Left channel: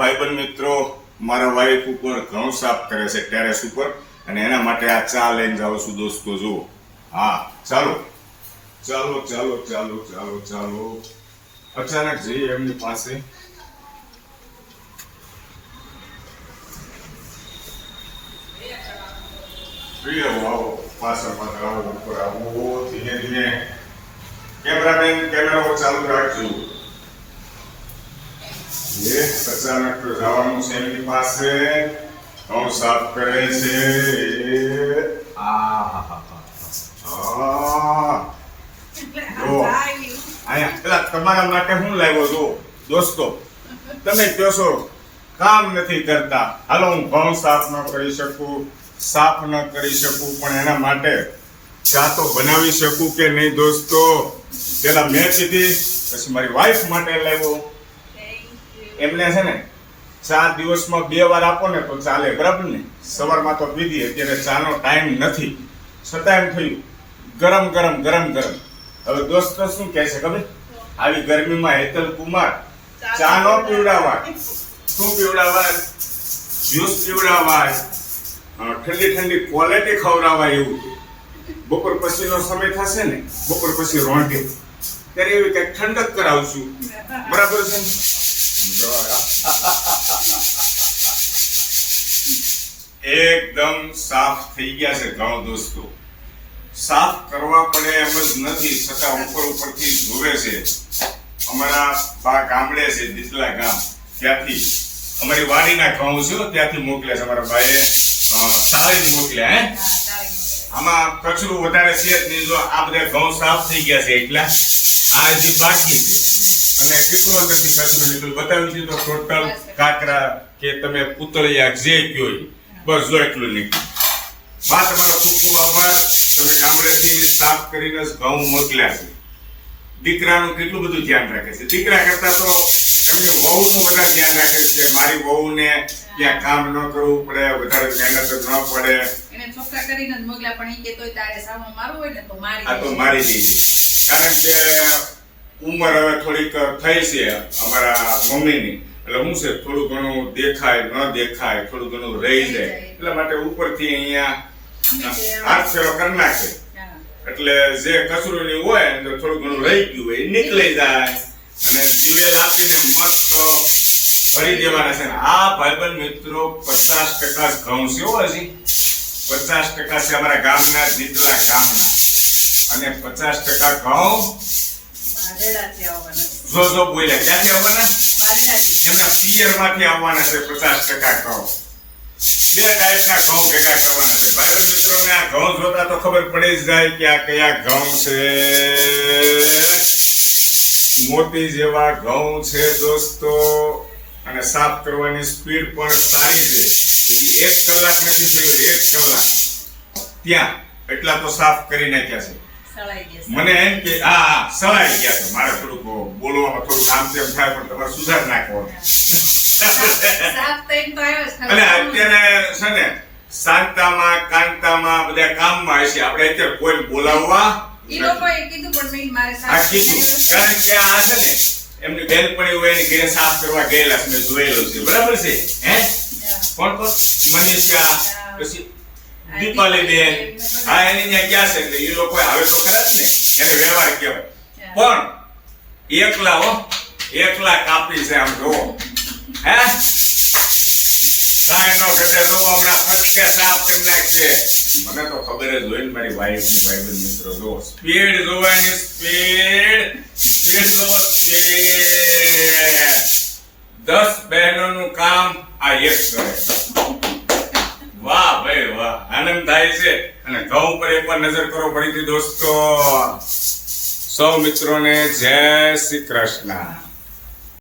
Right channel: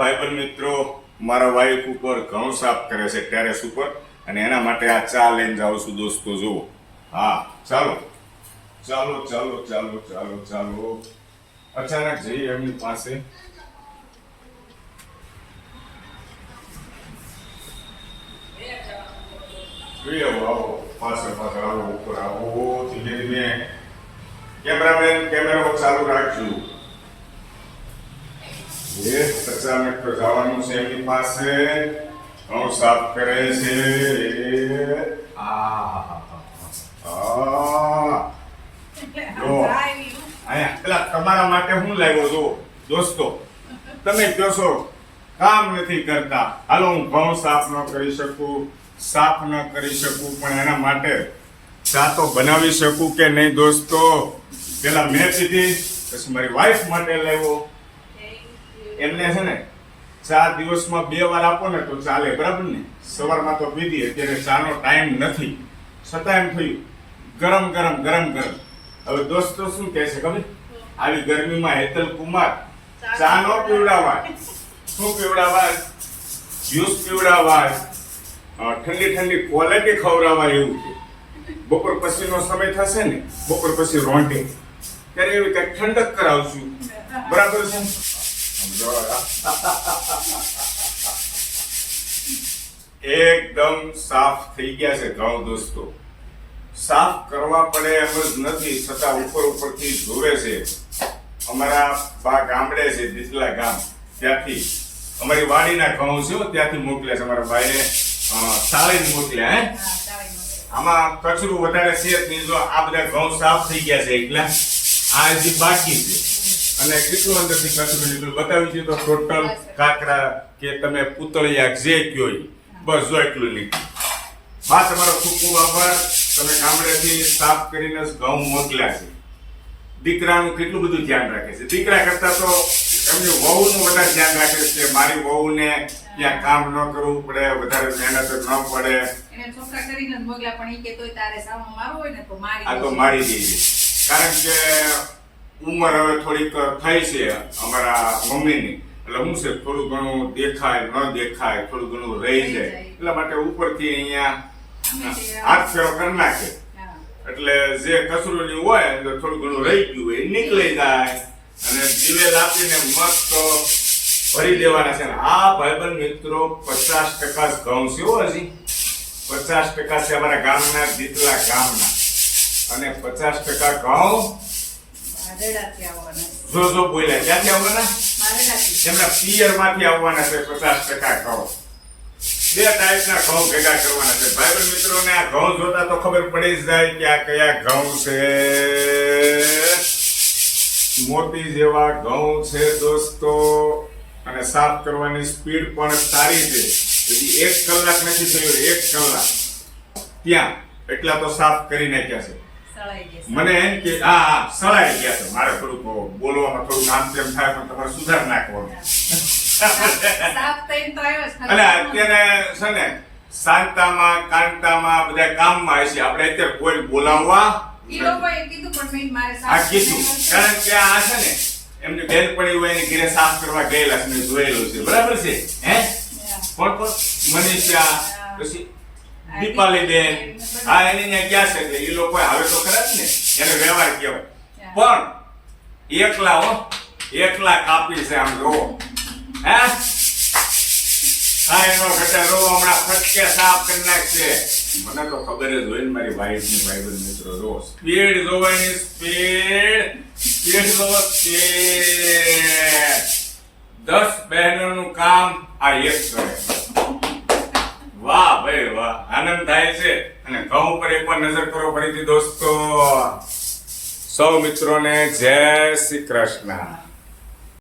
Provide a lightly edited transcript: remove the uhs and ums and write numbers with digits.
ભાઈબંધ મિત્રો મારા વાઈફ ઉપર ઘઉં સાફ કરે છે ટેરેસ ઉપર, અને એના માટે આ ચા લઈને જાઉં છું દોસ્તો. જુઓ, હા ચાલો ચાલો ચાલો ચાલો ચાલો ચાલો. અચાનક જઈએ એમની પાસે. આવો પાછળ પાછળ આવો, ઉપર આવો, ધીમે ધીમે. કેમેરામેન કેમેરો ચાલુ રાખજો. અચાનક તો જવાનું છે એમની પાસે. ઘઉં સાફ કરે છે. પેલા તમારા માટે હું લાવ્યો છો દોસ્તો. તમે કહો છો કામ નથી કરતા, હાલો હું ઘઉં સાફ ન કરી શકું, સાફ ન કરી શકું, પણ એના માટે ચા તો બનાવી શકું કે નહીં દોસ્તો. પેલા મેં પીધી, પછી મારી વાઈફ માટે લાવ્યો. એમને છે ને ચા દિવસમાં 2 વાર આપો ને તો ચાલે, બરાબર ને. સવારમાં તો પીધી, અત્યારે ચાનો ટાઈમ નથી, છતાં એમ થયું ગરમ ગરમ ગરમ ગરમ. હવે દોસ્તો શું કહે છે ખબર? આવી ગરમીમાં હેતલ કુમાર ચા નો પીવડાવાય. શું પીવડાવાય? જ્યુસ પીવડાવાય, ઠંડી ઠંડી ક્વોલિટી ખવડાવાય. એવું બપોર પછીનો સમય થશે ને, બપોર પછી રોંઢે ત્યારે એવી કંઈક ઠંડક કરાવશું, બરાબર છે? એકદમ સાફ થઈ ગયા છે ઘઉં દોસ્તો. સાફ કરવા પડે એમ જ નથી, છતાં ઉપર ઉપરથી જોવે છે. અમારા બા ગામડે છે, દીતલા ગામ, ત્યાંથી અમારી વાડીના ઘઉં છે, ત્યાંથી મોકલ્યા છે અમારા બાએ. સાળીને મોકલ્યા. હે, આમાં કચરું વધારે છે જ નહીં. જો આ બધા ઘઉં સાફ થઈ ગયા છે એટલે આ હજી બાકી છે. અને કેટલું અંદરથી કચરું નીકળ્યું બતાવી દીધું. ટોટલ કાકરા કે તમે પૂતળિયા જે કયો બસ જો એટલું નીકળ્યું. બા તમારો ખૂબ ખૂબ આભાર. તમે ગામડેથી સાફ કરીને ઘઉં મોકલ્યા છે. દીકરાનું કેટલું બધું ધ્યાન રાખે છે. દીકરા કરતા તો એમની વહુનું વધારે ધ્યાન રાખે છે. મારી વહુને ક્યાં કામ ન કરવું પડે, વધારે મહેનત ન પડે. એને છોકરા કરીને જ મોકલ્યા, પણ ઈ કે તોય તારે સામો મારવો હોય ને તો મારી આ તો મારી દીધી. કારણ કે ઉંમર હવે થોડીક થઈ છે અમારા મમ્મીની, એટલે હું છે થોડું ઘણું દેખાય ન દેખાય, થોડું ઘણું રહી જાય, એટલા માટે ઉપરથી અહીંયા હાથ ફેરો કરી નાખે. એટલે જે કચરું હોય તો થોડું ઘણું રહી ગયું હોય નીકળી જાય, અને દિવેલ આપીને મસ્ત ભરી દેવાના છે. આ ભાઈબંધ મિત્રો 50% ઘઉં છે હજી. 50% છે અમારા ગામના, દીતલા ગામના, અને 50% ઘઉં જો બોલ્યા ક્યાંથી આવવાના? એમના પિયર માંથી આવવાના છે. 50% ઘઉં. 2 ટાઈપના ઘઉં ભેગા કરવાના છે. ભાઈબંધ મિત્રોને આ ઘઉં જોતા તો ખબર પડી જ જાય કે આ કયા ઘઉં છે. મોતી જેવા ઘઉં છે દોસ્તો, અને સાફ કરવાની સ્પીડ પણ સારી છે. હજી 1 કલાક નથી થયો, 1 કલાક ત્યાં એટલા તો સાફ કરી નાખ્યા છે. મને એમ કે સળાઈ ગયા છે. મારે થોડુંક બોલવામાં થોડુંક આમ તેમ થાય, પણ તમારે સુધાર નાખવાનું. અને અત્યારે છે ને શાંતામાં કાંતામાં બધા કામમાં હશે. આપણે અત્યારે કોઈ બોલાવવા કીધું. કારણ કે આ છે ને એમની બેનપણી હોય એની ઘરે સાફ કરવા ગયેલા છે, મેં જોયેલું છે, બરાબર છે. હે, કોણ મનીષા, પછી દીપાલી બેન, હા એની ત્યાં ગયા છે. એટલે એ લોકો આવે તો ખરા જ ને, એને વ્યવહાર કહેવાય. પણ એકલા કાપી છે. આમ જો હે સાઈ નો ઘટે રો હમણાં ફટકે સાફ કરી નાખશે. મને તો ખબર જ હોય ને મારી વાઈફ ની. ભાઈબંધ મિત્રો જો સ્પીડ જોવાની, સ્પીડ જોવો, સ્પીડ. 10 બહેનોનું કામ આ એક કરે. વાહ ભાઈ વાહ, આનંદ થાય છે. અને ઘઉં ઉપર એકવાર નજર કરો ફરીથી દોસ્તો. સૌ મિત્રોને જય શ્રી કૃષ્ણ.